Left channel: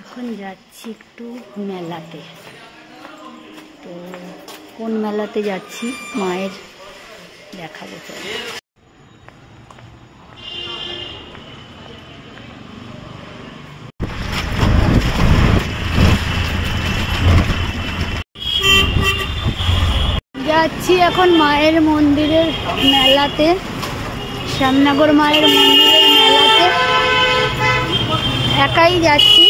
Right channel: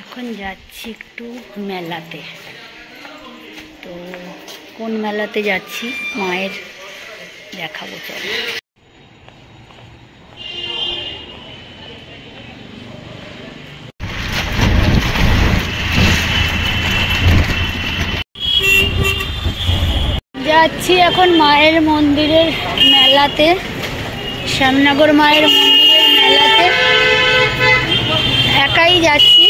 এখন যাচ্ছি একটু মেলাতে। তো কোন মেলাতে যাচ্ছি মায়ের দেখাবো। চলো যাচ্ছি এখন মায়ের মন্দিরের মেলাতে, শ্যামনগর মায়ের মন্দিরের মেলাতে। একাই যাচ্ছি,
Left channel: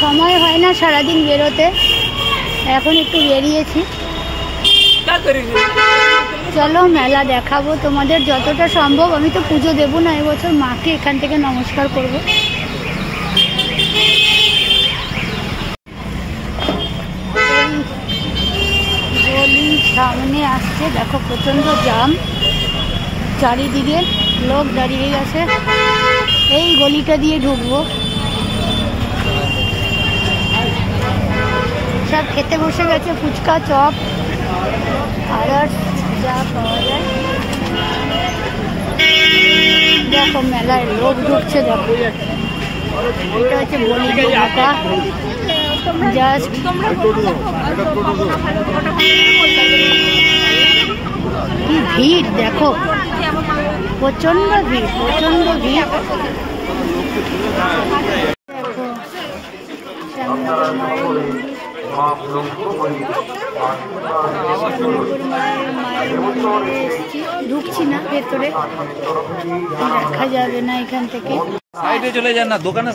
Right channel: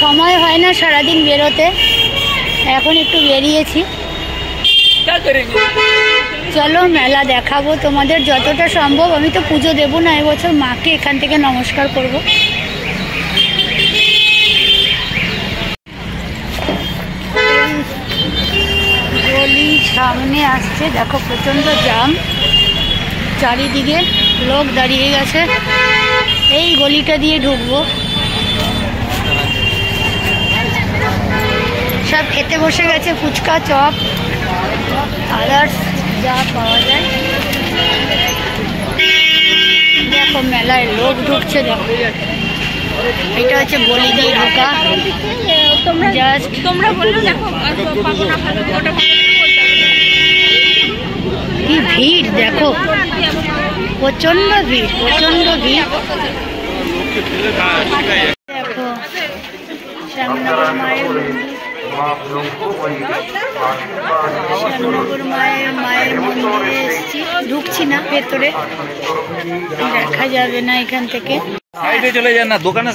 সময় হয় না সারাদিন বেরোতে, এখন একটু বেরিয়েছি। চলো মেলা দেখাবো তোমাদের যতটা সম্ভব। আমি তো পুজো দেবো না এবছর, মাকে এখান থেকে নমস্কার করব। গলি সামনে আসছে, দেখো প্রচন্ড জ্যাম, চারিদিকে লোক দাঁড়িয়ে গেছে। এই গলিটা দিয়ে ঢুকবো। সব খেতে বসে গেছে, ফুচকা, চপ, আদার্স যা পাওয়া যায়। দেখো মেলায় লোক ঢুকছে, দেখো এটা হচ্ছে গলি দিয়ে ঢোকা। জাস্ট তোমরা বললে দেখো কি ভিড়, দেখো প্রচন্ড ভিড়, প্রচন্ড ভিড়। দেখো শ্যামনগর মায়ের মন্দির, শ্যামনগর মায়ের মন্দিরে এসেছি। ঢুকছি না ভেতরে, দেখা যাবে না এখান থেকে। চলে যান না দোকানে।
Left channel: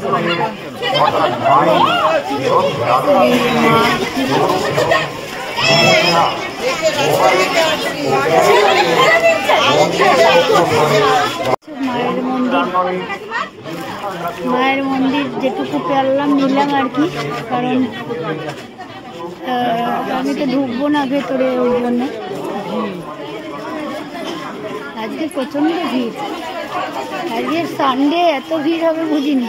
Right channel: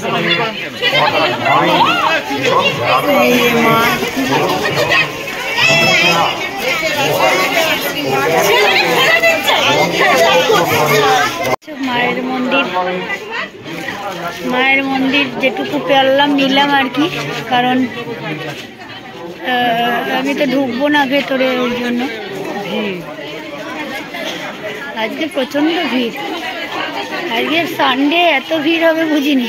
মায়ের মন্দির যেটুকু পেলাম নিলাম আর কি, কারণ আমি তো ঢুকবো না ভেতরে, ওই জন্য। আজকে প্রচন্ড ভিড়, আজকে সানডে এত ভিড় হবে বুঝিনি।